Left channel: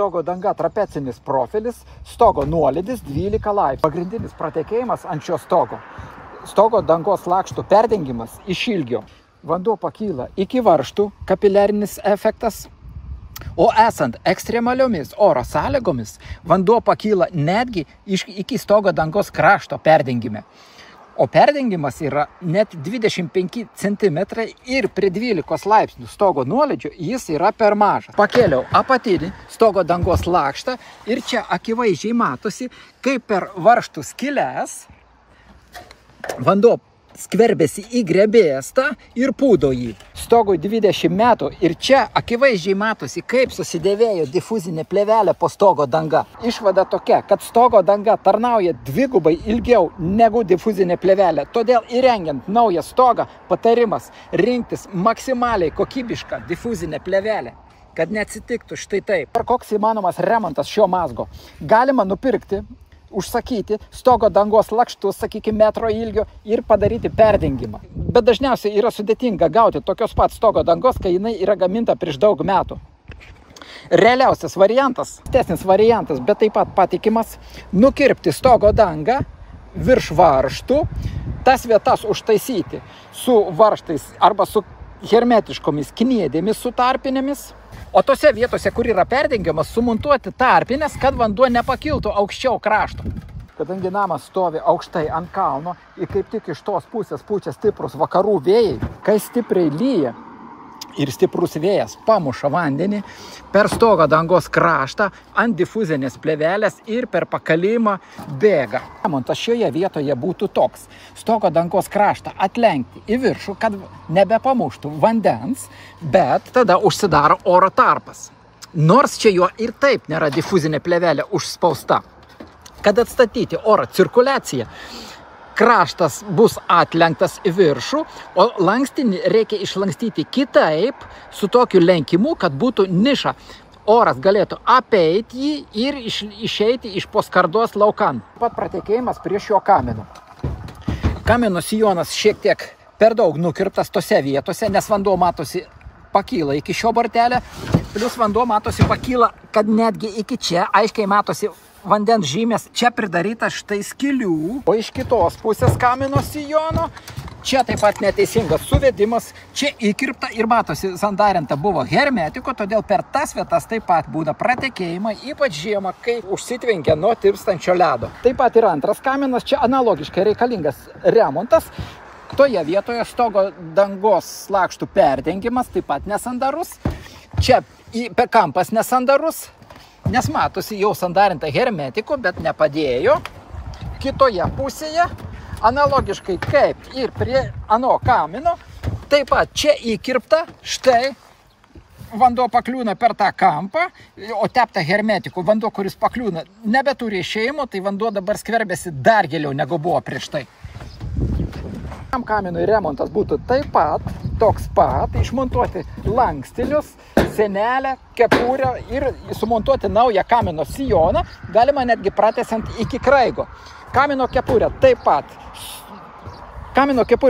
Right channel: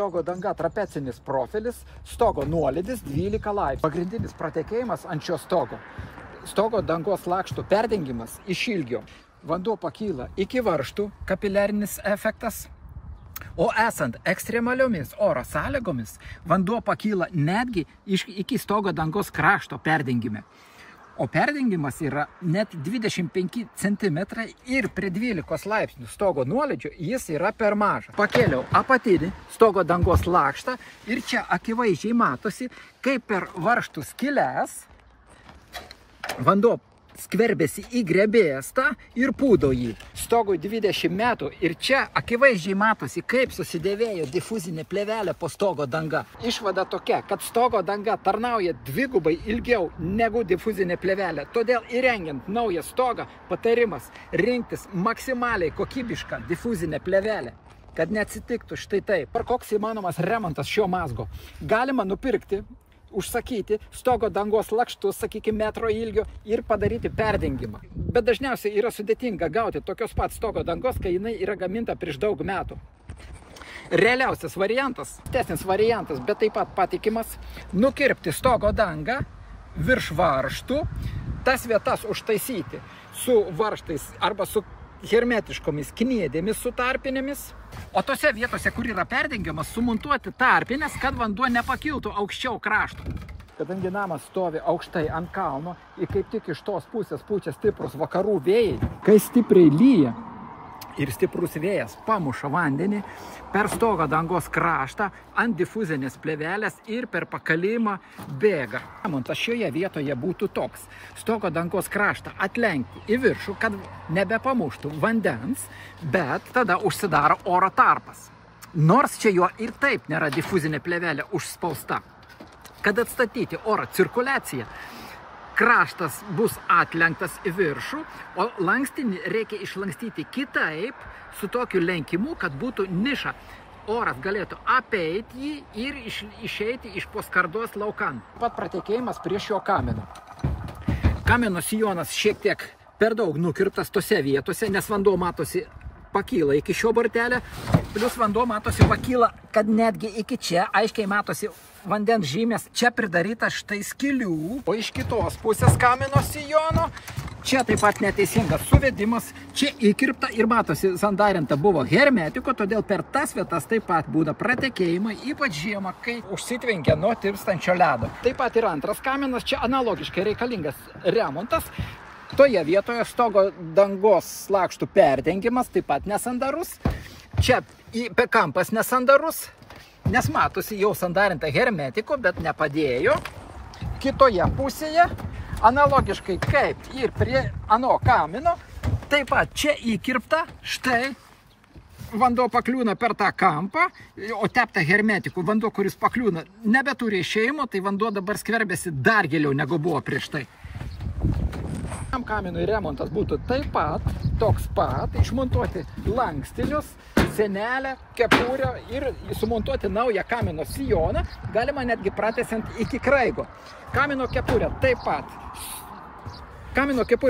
stogo danga trapecinis profilis, stogo nuolydis 12 laipsnių. Pagrindinis pratekėjimas ant šio stogo. Stogo dangos lakštų perdengimas iš ilgio. Vanduo pakyla iki varžtų, kapiliarinis efektas. O esant ekstremaliomis oro sąlygomis, vanduo pakyla netgi iki stogo dangos krašto perdengime. O perdengimas yra net 25 cm ir prie 12 laipsnių stogo nuolydžio jis yra per mažas. Pakėliau apatinį stogo dangos lakštą ir čia akivaizdžiai matosi, kaip per varžtų skyles vanduo skverbėsi į grebėstą ir pūdo jį. Stogui 20 metų ir čia akivaizdžiai matosi, kaip susidėvėjo difuzinė plėvelė po stogo danga. Išvada tokia, kad stogo danga tarnauja dvigubai ilgiau negu difuzinė plėvelė. Todėl įrengiant naują stogą patarimas rinktis maksimaliai kokybišką difuzinę plėvelę, kad neatsitiktų štai taip. Ar koks įmanomas remontas šio mazgo? Galima nupirkti, užsakyti stogo dangos lakštus, sakykime, metro ilgio ir padaryti perdengimą. Bet dažniausiai yra sudėtinga gauti tokios pat stogo dangos, kai jinai yra gaminta prieš daug metų. Realiausias variantas, tesnis variantas, bet taip pat patikimas, nukirpti stogo dangą virš varžtų, tas vietas užtaisyti su varžtais arba su hermetiškomis kniedėmis su tarpinėmis. O tose vietose, kur yra perdengiamas, sumontuoti tarpinės, kad vanduo nepakiltų aukščiau krašto. Kadangi namas stovi aukštai ant kalno ir kaip tik iš tos pusės pučia stiprus vakarų vėjai, kai stipriai lyja ir stiprus vėjas pamuša vandenį per stogo dangos kraštą ant difuzinės plėvelės ir per pakalimą bėga. Remontas šioje vietoje būtų toks. Stogo dangos kraštą atlenkti į viršų, kad nebepamuštų vandens, bet tada užsidaro oro tarpas. Nors čia jo ir taip nėra difuzinė plėvelė užspausta. Kad atstatyti oro cirkuliaciją, kraštas bus atlenktas į viršų, o lankstinį reikia išlankstyti kitaip, su tokiu lenkimu, kad būtų niša. Oras galėtų apeiti jį ir išeiti iš po skardos laukan. Pat pratekėjimas prie šio kamino. Kamino sijonas šiek tiek per daug nukirptas tose vietose, nes vanduo matosi pakyla iki šio bortelio, plus vanduo matosi pakyla, kad netgi iki čia aiškiai matosi vandens žymės. Čia pridaryta štai skylių, o iš kitos pusės kamino sijono čia taip pat neteisingas suvedimas, čia įkirpta ir matosi sandarinta buvo hermetiko, todėl per tas vietas taip pat būna pratekėjimai, ypač žiemą, kai užsitvenkia nuo tirpstančio ledo. Taip pat ir antras kaminas, čia analogiškai reikalingas remontas. Toje vietoje stogo dangos lakštų perdengimas taip pat nesandarus. Čia kampas nesandarus, nes matosi jau sandarinta hermetiko, bet nepadėjo. Kitoje pusėje, analogiškai kaip ir prie ano kamino, taip pat čia įkirpta, štai vanduo pakliūna per tą kampą, o tepta hermetiku vanduo, kuris pakliūna, nebeturi išėjimo, tai vanduo dabar skverbėsi dar giliau negu buvo prieš tai. Tam kaminui remontas būtų taip pat, toks pat, išmontuoti lankstinius, senelę, kepurę ir sumontuoti naują kamino sijoną, galima netgi pratęsant iki kraigo. Kamino kepurė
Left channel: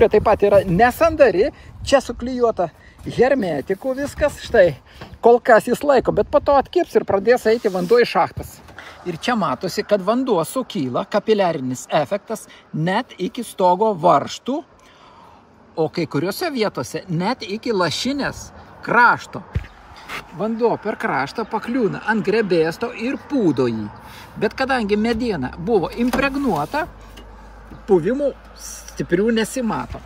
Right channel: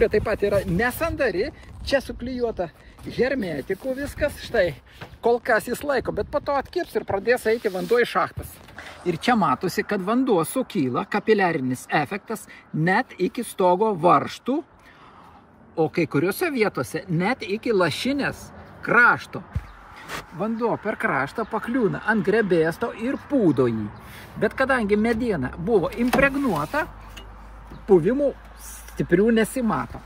taip pat yra nesandari, čia suklijuota hermetikų viskas, štai, kol kas jis laiko, bet po to atkips ir pradės eiti vanduo į šachtas. Ir čia matosi, kad vanduo sukyla, kapiliarinis efektas, net iki stogo varžtų, o kai kuriuose vietose net iki lašinės krašto. Vanduo per kraštą pakliūna ant grebėsto ir pūdo jį. Bet kadangi mediena buvo impregnuota, puvimų stiprių nesimato.